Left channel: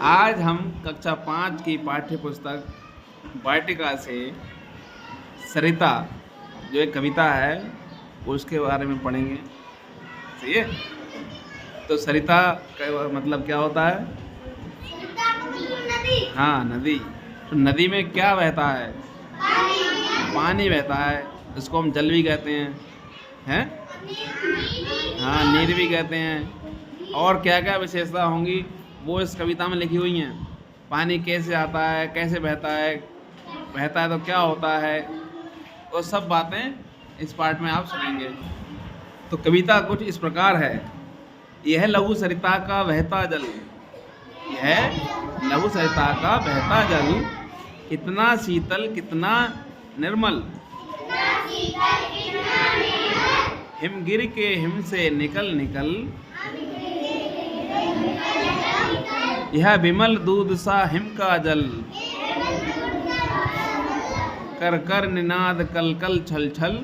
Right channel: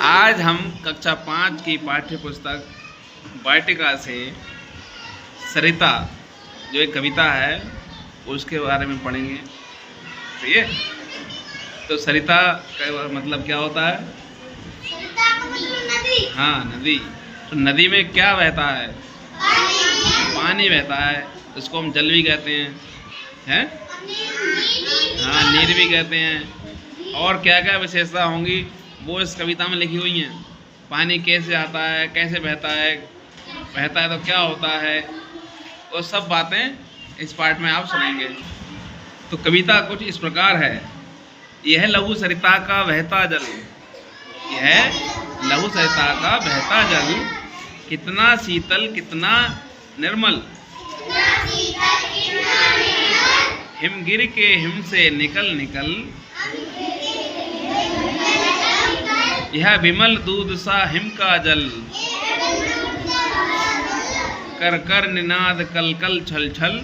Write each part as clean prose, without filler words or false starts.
आज हम कक्षा 5 की पाठ्य पुस्तक वाटिका से सरिता जो एक कविता है उसके बारे में पढ़ेंगे। सही है। तो सरिता का मतलब क्या होता है? नदी। हाँ, नदी। तो नदी में क्या बहता है? पानी बहता है। इसको हम जल भी कहते हैं? हाँ, नीर भी कहते हैं। और क्या क्या विशेषता होंगी वो इस कविता में लिखी हुई हैं। पानी कैसे आता है, कैसे बहता है तो क्या होता है, वो सब बातें इस पाठ में आप सुनेंगे। तो कविता कुछ इस प्रकार है। यह लघु सरिता का बहता जल, यह लघु सरिता का बहता जल, कितना शीतल कितना निर्मल, हिमगिर के हिम से निकल निकल, यह विमल दूध सा हिम का जल, कर कर निनाद कल कल छल छल,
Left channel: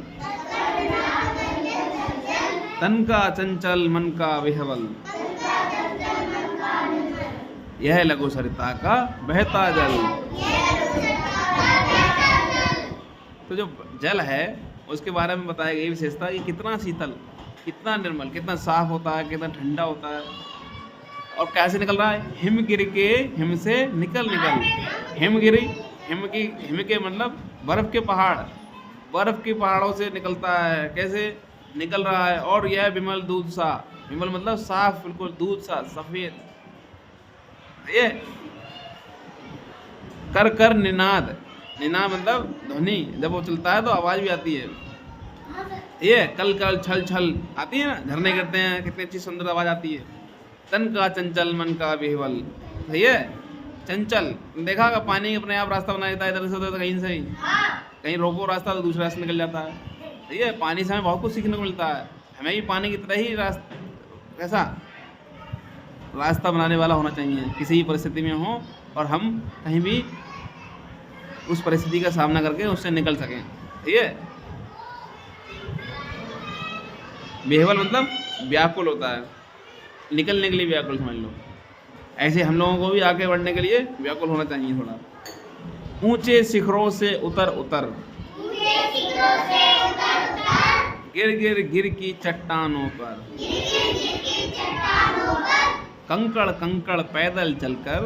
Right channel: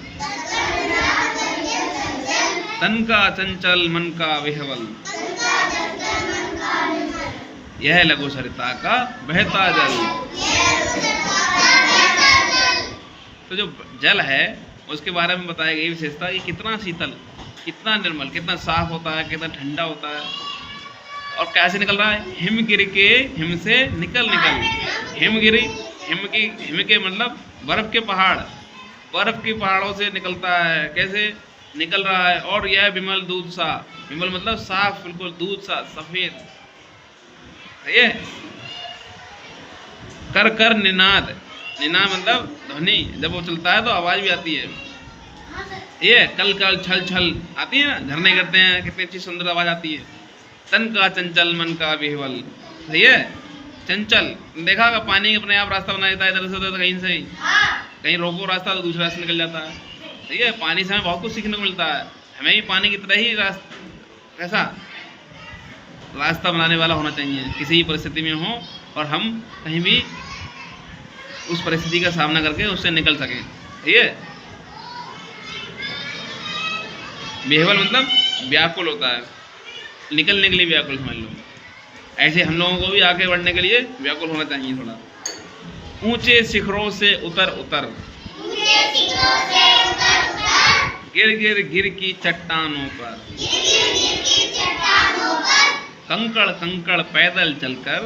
तन का चंचल मन का विह्वल, यह लघु सरिता का बहता जल। तो जो जल है उसके बारे में बताई गई विशेषता कि कितना शीतल, कितना निर्मल, कितना साफ होता है, कितना ठंडा होता है, और कैसे निकल रहा है? हिम गिर के हिम से निकल निकल। हिम गिरी, हिम के मतलब बर्फ के पहाड़, बर्फ के पहाड़ों से निकलता है। कैसे निकल रहा है? और यह विमल दूध सा, विमल मतलब साफ, बिल्कुल दूध सा सफेद। ये कर कर निनाद, निनाद मतलब ध्वनि, जब वो चलता है तो आवाज भी आती है। ये कल कल छल छल आती है ना, झरने गिरते हैं, कितनी अच्छी सुंदर आवाज आती है। तन का चंचल मन का विह्वल, सही है। चंचल, देखा होगा पानी अपने आप रास्ता बना देता है, इधर से उधर कहीं से ही, कहीं रोको रास्ता तो दूसरे रास्ते निकल जाता है। सही है। पानी से हमें बहुत कुछ सीखने को मिलता है। हमें भी पानी की तरह ही कैसा रास्ता बनाने वाला होना चाहिए किसी भी परिस्थिति में हो, और हम कहीं भी उस परिस्थिति का सामना करके उससे निकल सकें। ठीक है। विह्वल मतलब व्याकुल होता है, निकलने के लिए व्याकुल समझ लो। ऐसे हम लोगों को भी आगे बढ़ने के लिए व्याकुल होना चाहिए थोड़ा। ऊंचे शिखरों से उतर उतर, गिर गिर गिर की चट्टानों पर, कंकड़ कंकड़ पैदल चलकर,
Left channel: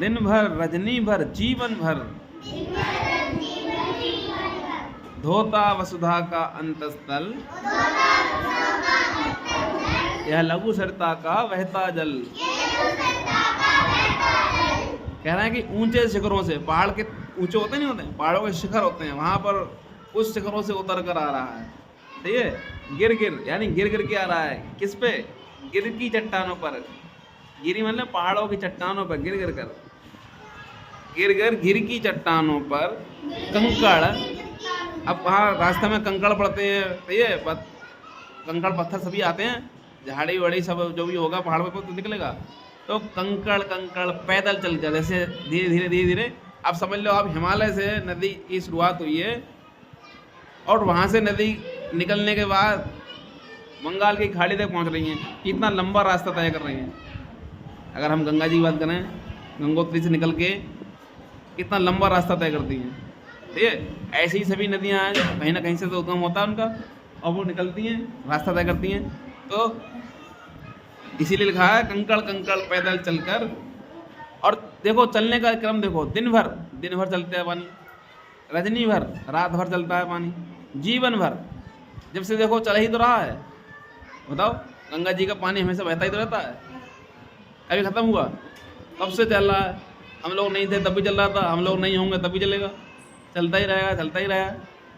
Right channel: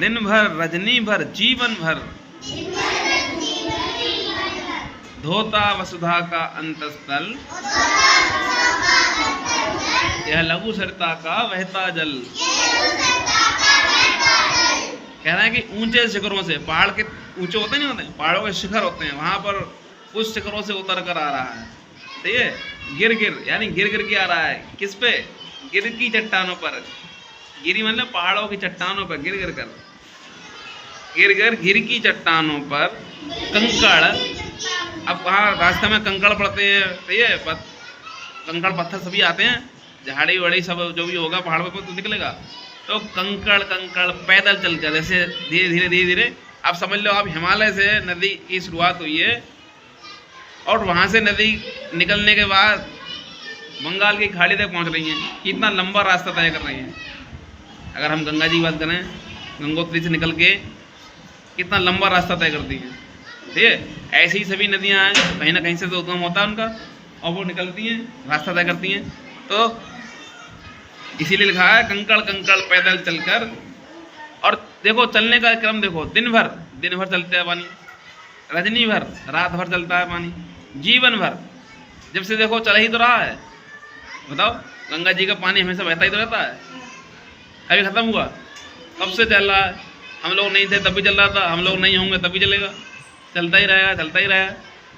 दिन भर रजनी भर जीवन भर, धोता वसुधा का अंतस्थल, यह लघु सरिता का बहता जल। कह रहा है कि ऊंचे शिखरों से, पहाड़ के ऊंचे होते नहीं होते, पहाड़ों के शिखर होते हैं, वहां पर उस शिखरों से उतर कर आ रहा है। ठीक है। गिर गिर यानी गिर गिर के आ रहा है। किस पे? गिर की चट्टानों पर। गिरी मतलब पहाड़ों की चट्टानों पर गिर गिर कर, गिर गिर गिर की चट्टानों पर, कंकड़, अब वहाँ रास्ते में कंकड़ पड़ते हैं। ठीक है। कंकड़ पत्थर सभी आते हैं, झाड़ी वड़ी सब जो भी होगा पहाड़ पे तो निकलेगा। तो कंकड़ कंकड़ पैदल चल कर, जैसे धीरे धीरे धीरे धीरे, आप समझ लो आप हिमालय से नदी की शुरुआत हुई है, और वहाँ से नदी निकलने के बाद बंगाल की खाड़ी तक पहुँच रही हैं। कितना लंबा रास्ता तय कर रही हैं। अगर हम गंगा जी की बात करें, गंगोत्री से निकल के कितना लंबा रास्ता तय करती हैं। ठीक है। ऐसी ही सभी नदियाँ हैं, कहीं ना कहीं से तो उद्गम होता है उनका, और वो निकलती हैं, रास्ता तय करती हैं। तो इसीलिए लिखा है कंकड़ कंकड़ पैदल चलकर। और देखो चलने का क्रम देखो, दिन भर चलता है पानी, रजनी भर रात भर चलता है पानी, जीवन भर, जब से देखो चल ही तो रहा है। बताओ, गंगा जी का पानी हमेशा बहता ही तो रहता है, कभी खत्म हुआ? कब से चल रहा है। हम लोग नहीं थे तब भी चल रहा था, हम लोग नहीं होंगे तब भी चलेगा, चलता ही रहेगा, चलता ही रहेगा।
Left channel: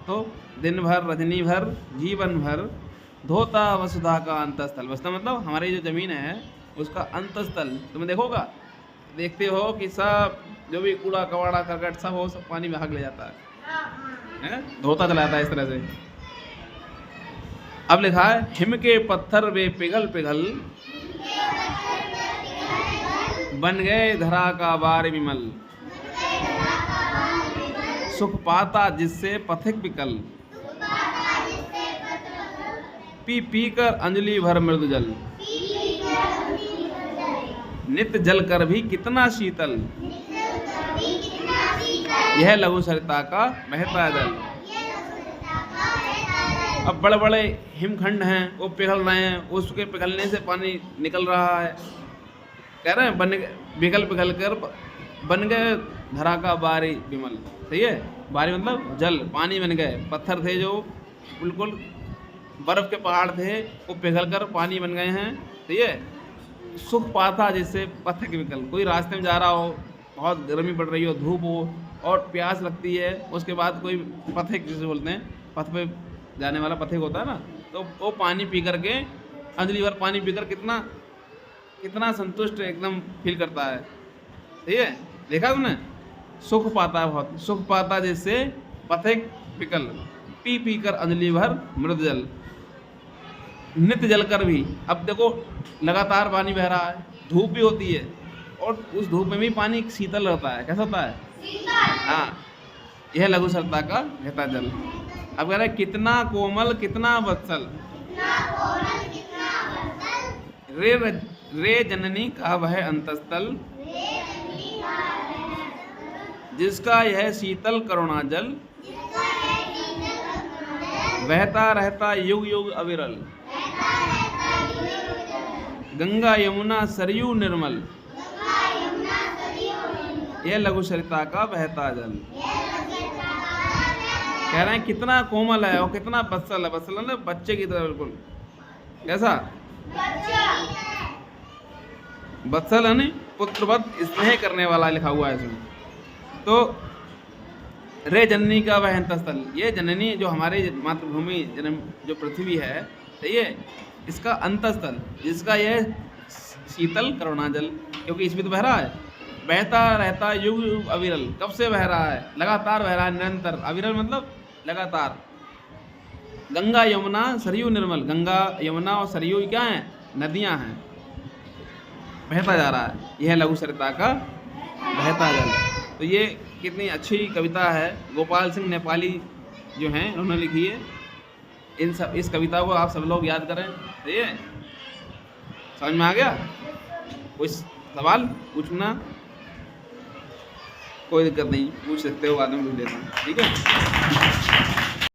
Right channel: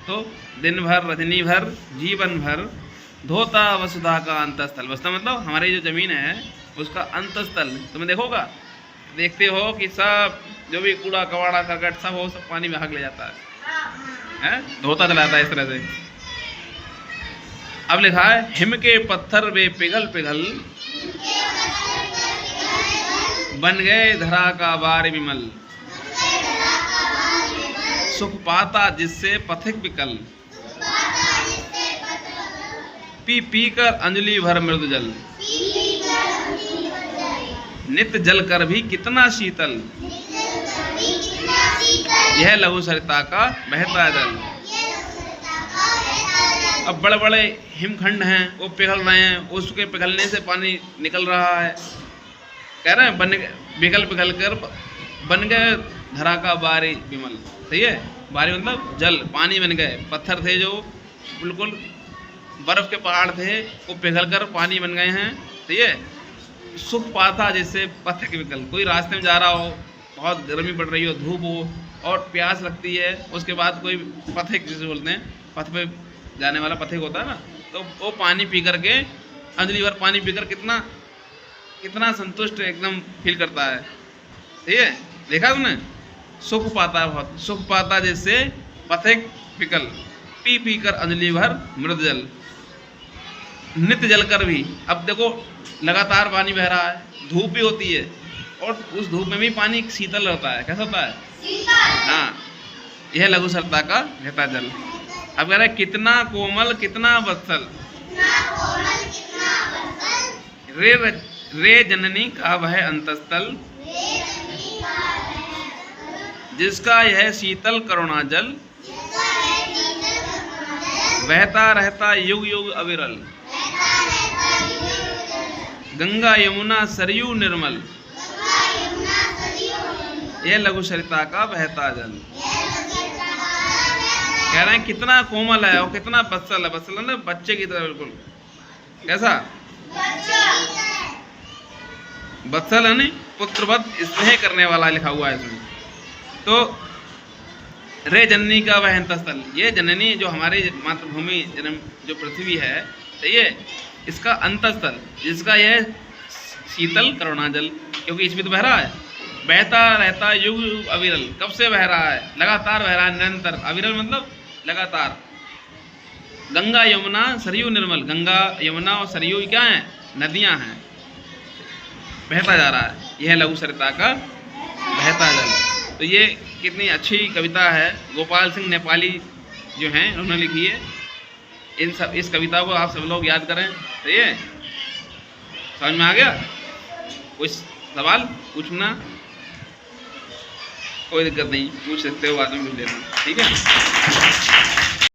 तो दिन भर रजनी भर जीवन भर, धोता वसुधा का अंतस्थल। वसुधा मतलब हमारी जो जमीन है उसका अंतस्थल। तुम्हें देखोगा, देखते हो कि सब जो भी कूड़ा कबाड़ा करकट सब वो सब पानी में भाग ले जाता है, धोता चला जाता है इस तरह से। अब लिखा है हिम के पत्थर वे पिघल पिघल, बन गए धरा का बार विमल, सुख पाता जिससे पथिक विकल, पी पी कर अंजलि भर मृदु जल। नित्य जल कर भी कितना शीतल, यह लघु सरिता का बहता जल। अब बड़े बड़े हिमखंड हैं, वो पिघल रहे हैं, उसके पिघलने से पानी निकल रहा है। कह रहे हैं बन पिघल पिघल कर बन गए धरा का बारी विमल। सही है, बारी मतलब जल, पानी बन गए। पत्थर थे जो बिल्कुल बर्फ के पहाड़ थे, वो पिघल कर पानी बन गए हैं। सही है, सुख पाता जैसे पथिक विकल। कोई रास्ते में जा रहा हो, बहुत गर्मी पड़ रही हो, धूप हो और प्यास लगती है, उसके बाद कोई पथिक जिसे बोलते हैं, पथ पे जाने वाला पथिक होता है ना, तो वो पानी पी करके, अंजलि भर पानी पीकर कितना कितना संतुष्ट एकदम फील करता है। ठीक है, देखा तुमने? सुख पाता है, बहुत सुख पाता जैसे पथिक विकल, पी पी कर अंजलि भर मृद जल। नित्य जल कर भी, अब देखो लगातार पानी बह रहा है, धूप भी होती है और उस धूप में भी पानी शीतल होता है। कैसा होता है? हाँ, यह लघु सरिता का बहता जल। अब कह रहे कितना कोमल कितना वत्सल, रे जननी का वह अंतस्थल, जिसका यह शीतल करुणा जल, बहता रहता युग युग अविरल, गंगा यमुना सरयू निर्मल, यह लघु सरिता का बहता जल। कह रहे हैं कितना कोमल है और कितना वत्सल है। वत्सल है ना, बच्चे की तरह बिल्कुल। कैसा? वत्सल है, नहीं पुत्रवत स्नेह करने वाला लिखा हुआ है इसमें। तो रे जननी का वह अंतस्थल, ये जननी जो हमारी मातृभूमि जन्म जो पृथ्वी है, सही है, इसका अंतस्थल, जिसका यह शीतल करुणा जल, क्योंकि इसमें तो बह रहा है, बहता रहता युग युग अविरल। कब से बह रहा है? लगातार बह रहा है, निरंतर। अविरल मतलब लगातार। गंगा यमुना सरयू निर्मल, गंगा यमुना और सरयू क्या हैं? नदियां हैं, बहता जा रहा है। यह लघु सरिता का बहता जल। तो ये कितनी अच्छी कविता है, गोपाल सिंह नेपाली जो हैं उन्होंने लिखी है। इस कविता को आप सब लोग याद करें। सही है, समझ में आ गया? कुछ सवाल पूछना? कोई दिक्कत नहीं, पूछ सकते हो, बाद में पूछ लेना। ठीक है।